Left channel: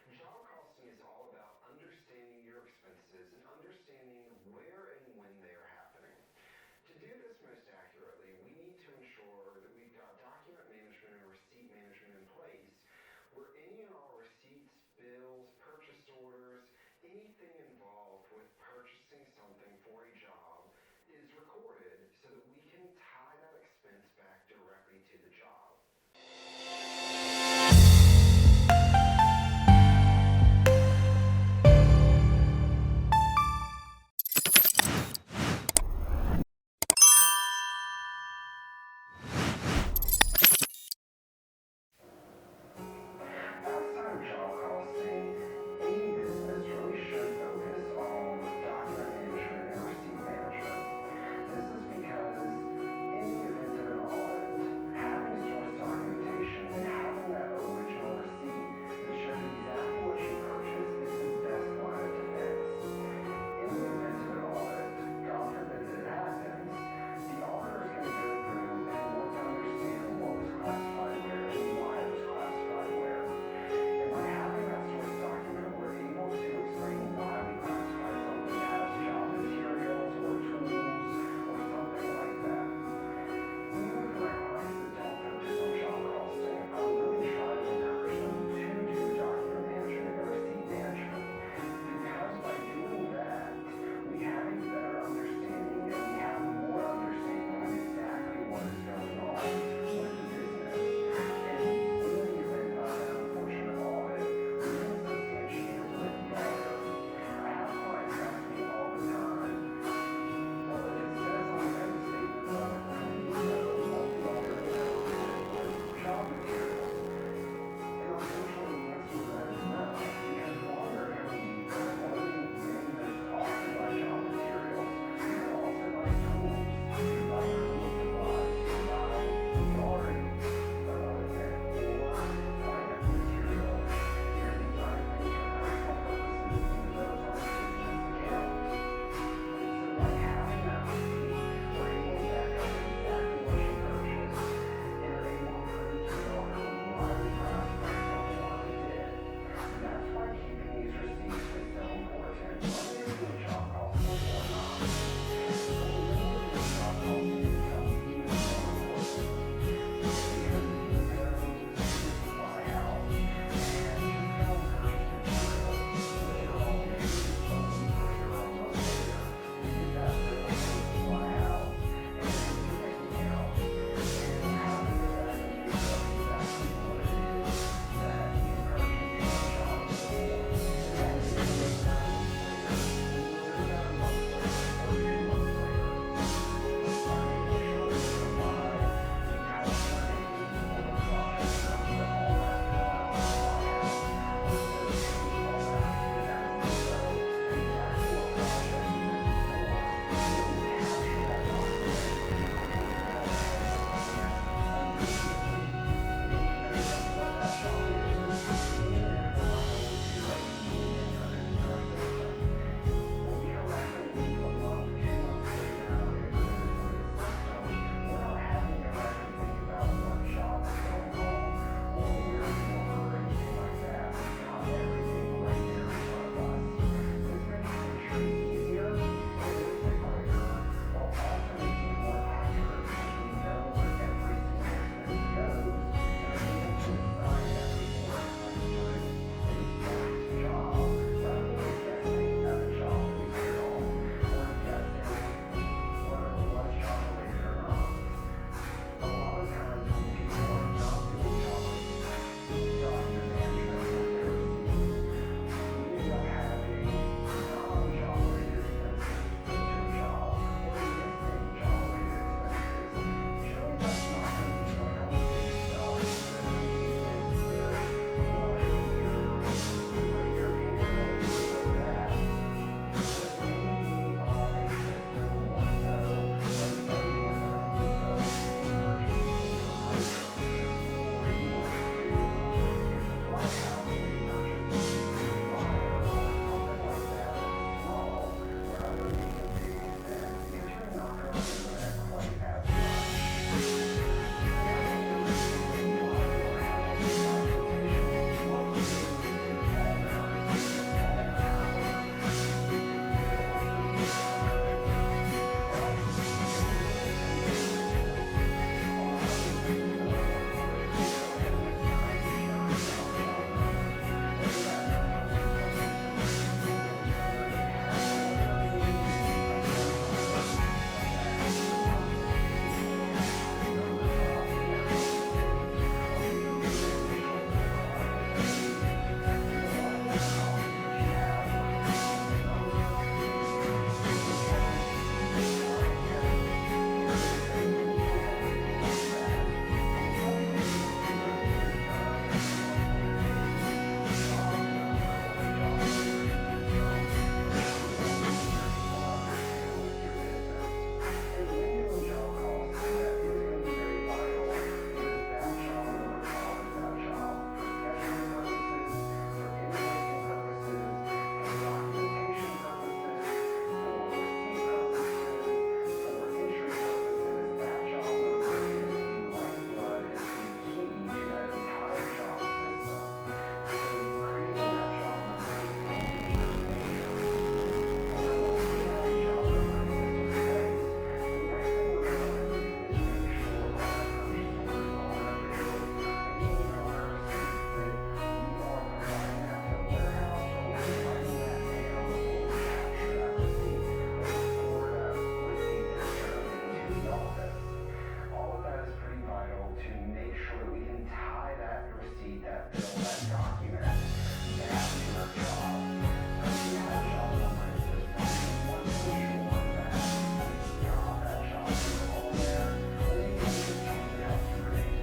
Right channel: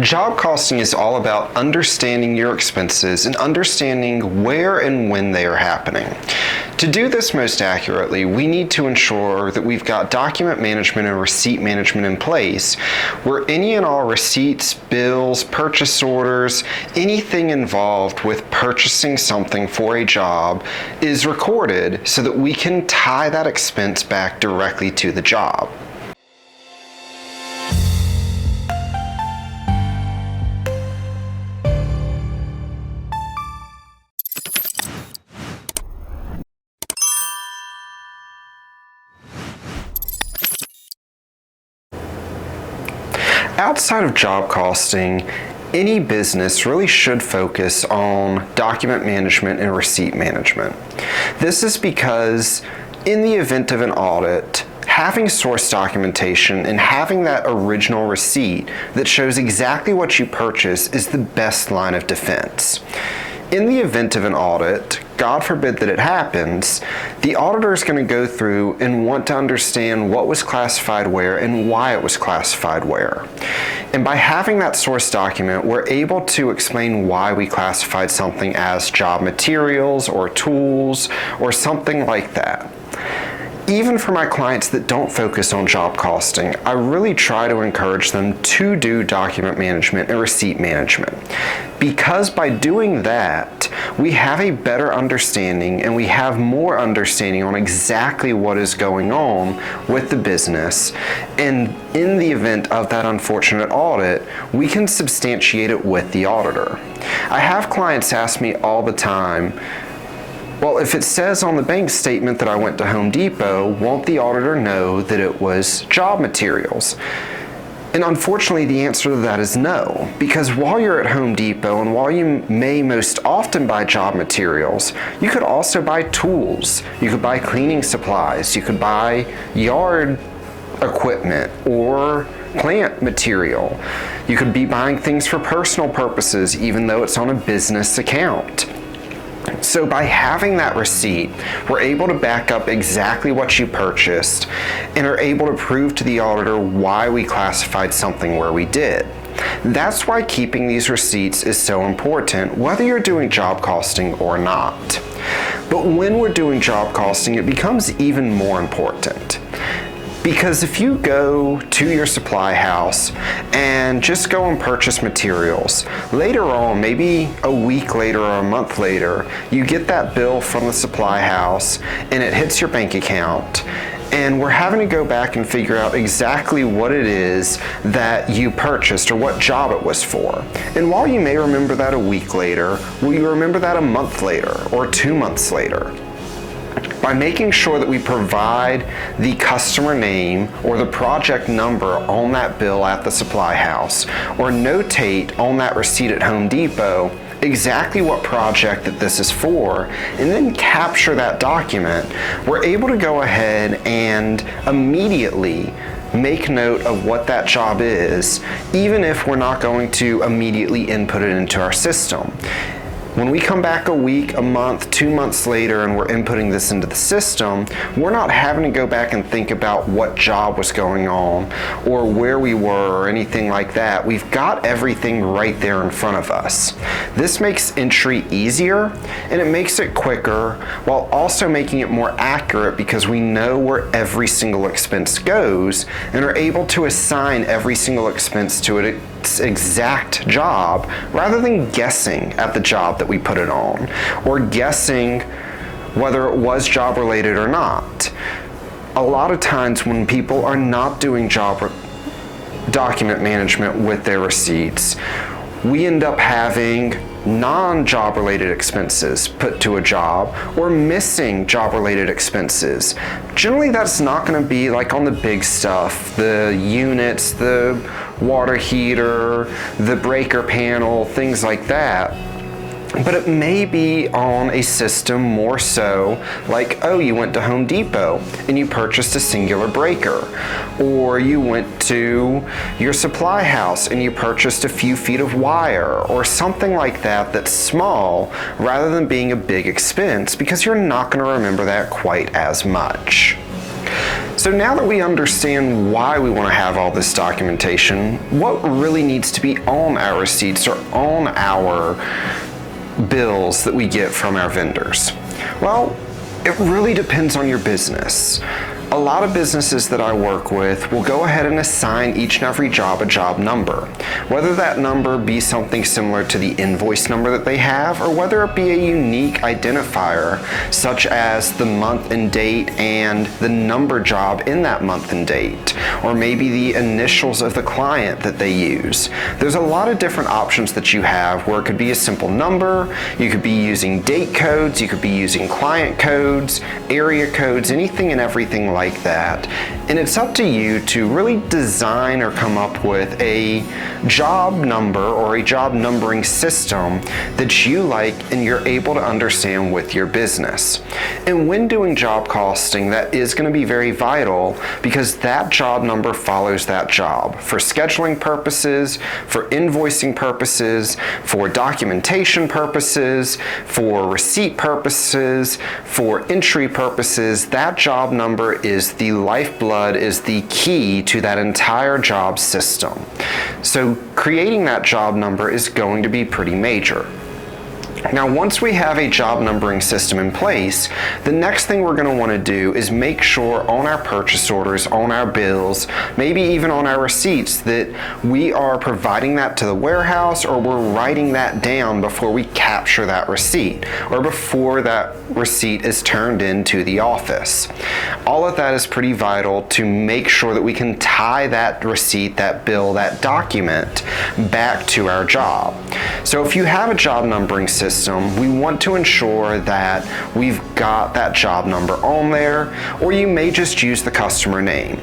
Job costing is all about understanding your expenses and understanding where and when they are happening. To do this most accurately, we need to ensure that we've got document management and receipt management in place, where any and all receipts, bills, purchase orders, anything involved with purchasing something for a job is recorded so that we can tie that expense back directly to the job. Outside of job costing, any business really should focus on document management and receipt management. This is because in the event of an audit, having source documentation and having that original receipt that shows exactly what you purchased is the best line of defense. In the event of an audit, God forbid that it happens, the auditor is going to go through and want to understand what was classified where and why it was classified where. And by having that source document, we're able to explain why we classified something as job materials or tools or something like that. Even for my clients that don't focus on job costing, I really try to encourage them to do document management and receipt management. Because by doing that, we have a better understanding and we have more understanding on exactly what is going on with the business. And in the event of that unfortunate audit, we can substantiate it with the auditor. I have clients ask me all the time, well, if it says on the bank statement that I went to Home Depot, won't the auditor know that it was job materials? And unfortunately, the answer to that is no, because while you're at Home Depot and while you may most often buy job materials, you could also buy tools, you could buy cleaning supplies, you could buy yard equipment or plant material. You could be buying things for personal purposes, even though it's on a business account. So by having that receipt, we're able to back up exactly what you purchased and are able to prove to the auditor why we classified something where we did. That's why keeping these receipts is so important, whether you're doing job costing or not. But when we're doing job costing, it becomes even more important. Because if you go to your supply house and just go and purchase materials, later on, maybe a week later or a month later, you get that bill from the supply house and it hits your bank account, and we're having to go back and figure out exactly what it is that you purchased or what job it was for. And while you may remember that a week later, will you remember that a month later or 2 months later? By making sure that we provide the customer name or the project number on that bill at the supply house, or notate on that receipt at Home Depot exactly what project that this is for, and then capture that document, we're able to go ahead and immediately make note of what that job is, even if we're not going to immediately input it into our system. When we come back a week, a month, 2 months later, and we're inputting this into the system, we're not having to go back and think about what job was going on or where we were or anything like that. We've got everything right there in front of us. This makes entry easier and it makes it quicker, while also making it more accurate because we know where every single expense goes and are able to assign every single expense to its exact job, rather than guessing at the job that we put it on or guessing whether it was job related or not. A lot of times when people are not doing job document management with their receipts, we end up having non-job related expenses put to a job or missing job related expenses. Generally, that's not going to be like on the big stuff, the units, the water heater, the breaker panel, things like that. But it may be on a system more so like, oh, you went to Home Depot and you purchased a singular breaker, or you went to your supply house and you purchased a few feet of wire or something like that that's small rather than being a big expense, because you're not going to remember that quite as much. So So now that we understand why we want to have all this documentation, what really needs to be on our receipts or on our bills that we get from our vendors? Well, it really depends on your business. A lot of businesses that I work with will go ahead and assign each and every job a job number. Whether that number be something similar to the invoice number that they have, or whether it be a unique identifier, such as the month and date and the number job in that month and date, or maybe the initials of the client that they use. There's a lot of different options that you have where it could be a simple number, you could be using date codes, you could be using client codes, area codes, anything and everything like that. And it's up to you to really design or come up with a job number or a job numbering system that you like and you're able to understand with your business. And when doing job costing, that is going to be very vital because that job number follows that job for scheduling purposes, for invoicing purposes, for documentation purposes, for receipt purposes, for entry purposes. That job number is the lifeblood, is the key to that entire job system. So creating that job number is going to be pretty major. Now, once we have a job numbering system in place, the next thing we're going to want to do is make sure on our purchase orders, on our bills, maybe even on our receipts, that we are providing that to the warehouse or we're writing that down before we capture that receipt or before that receipt is turned into the office. All of that is pretty vital to make sure that we can tie that receipt, that bill, that document back to our job. So if you have a job numbering system, we want to ensure that we've got that job number on there, or you may just use the customer name.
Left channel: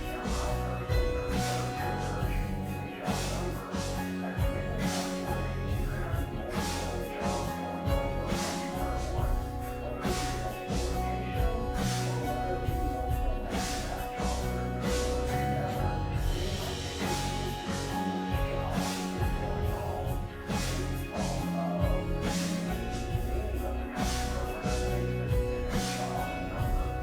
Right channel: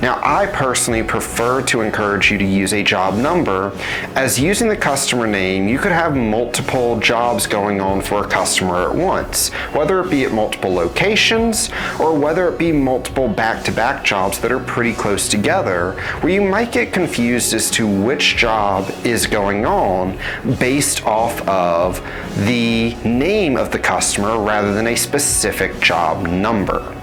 Now, I personally prefer to encourage you to use a job number, as using the customer name, you could have multiple jobs going on for a customer at once, whether it be at multiple locations or whether it be multiple back-to-back jobs that are pretty close together, where you might get confused as to which job is going on based off of the name of the customer rather than a specific job number.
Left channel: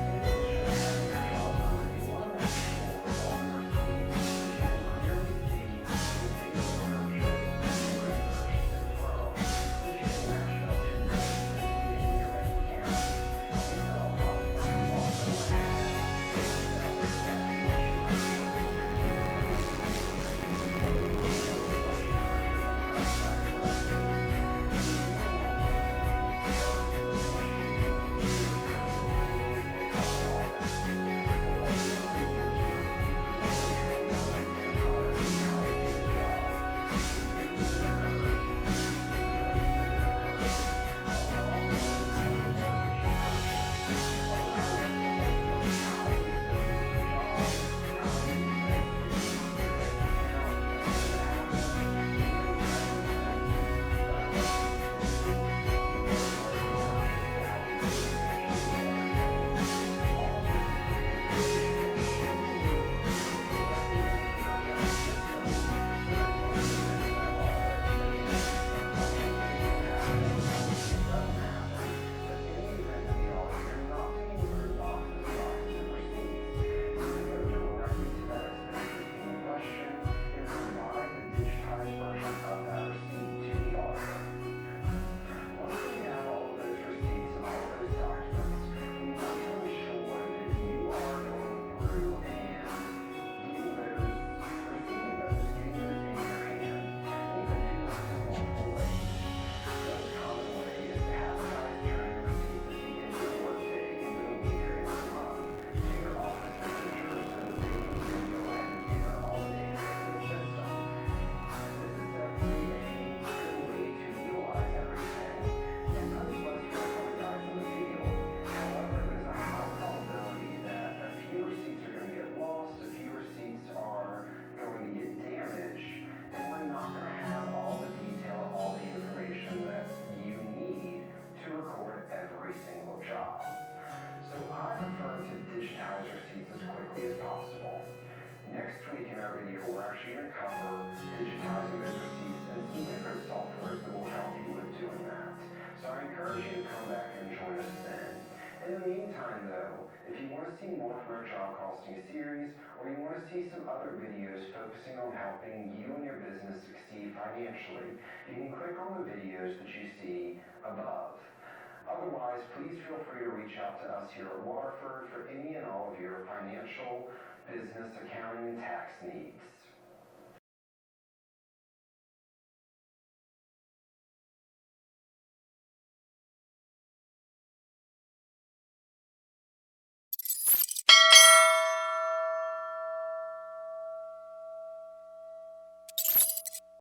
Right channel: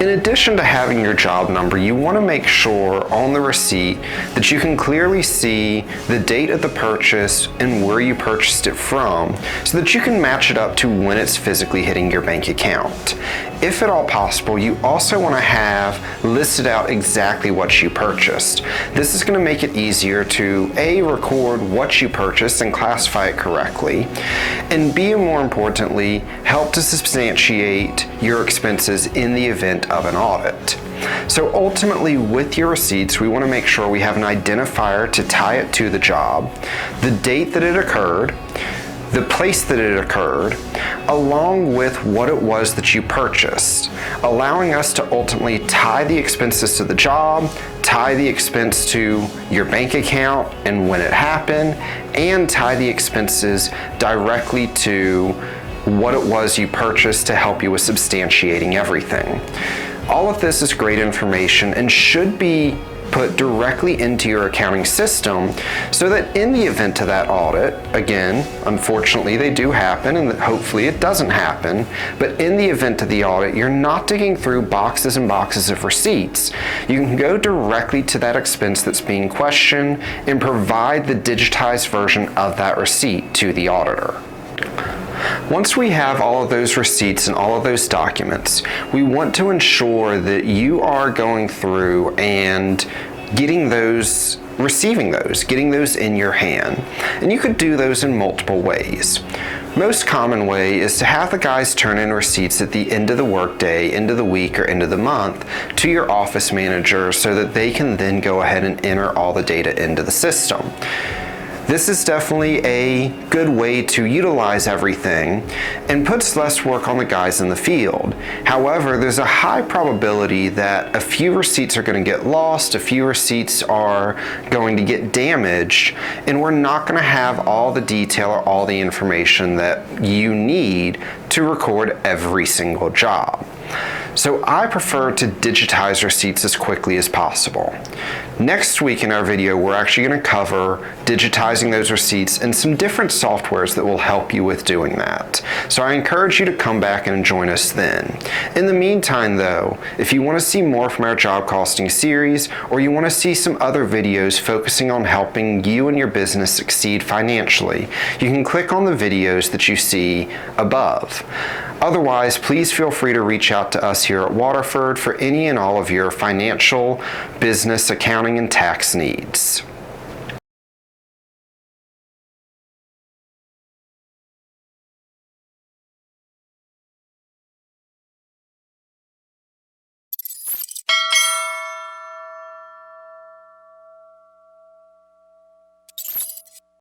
In addition to having your job number, you want to make sure on the receipt that you can clearly see the date of the purchase and where you purchased it from, so that you can match it up to when it's physically hitting your bank account. If at all possible, you also want to have listed out exactly what you purchased. This is going to make it easier to A, record what you purchased and classify it correctly, and B, and more importantly, help to substantiate your expenses in the event of an audit. So ultimately, with your receipts, we want to make sure we have an identifier to tie it to the job, the date that it occurred, the place that it occurred, along with what it was that you purchased, allowing us to ultimately tie the expenses to the job, tie the expense to your bank account and when it happened, and tie the expenses directly to what it was you purchased to help you with substantiating everything. All of this is great information and should be put directly into your accounting system so that in the event of that audit, again, unfortunately they do happen and hopefully it doesn't happen, but in the event of the audit, you're not digging through boxes and boxes of receipts. You can go directly to that expense that's being questioned and provide the digitized version of that receipt to the auditor. Once we have all of those receipts and all of those documents, we want to ensure that you are going through and getting those, receiving those, getting those in your hand. And you could do those in multiple ways. Most common way is to have the guys turn in receipts at the end of the workday, end of the week, or end of the month to your office manager so that they can then go ahead and enter all the data into the system. This is definitely a good way to utilize everything and puts less work on the guys in the field. However, there's a high probability that a few receipts are going to get lost, a few receipts are going to get damaged, and we're not going to have all the detail or all the information that you need to record every single job. So I prefer to digitize receipts as quickly as possible. Next week in our video, we're actually going to cover digitizing those receipts and some different softwares that will help you with doing that. So I encourage you to come back and join us then. In the meantime though, if you want to see more from our job costing series, or you want to see some other videos focusing on helping you and your business succeed financially, you can click on the videos that you see above. Otherwise, please feel free to reach out to us here at Waterford for any and all of your financial, business, accounting, and tax needs.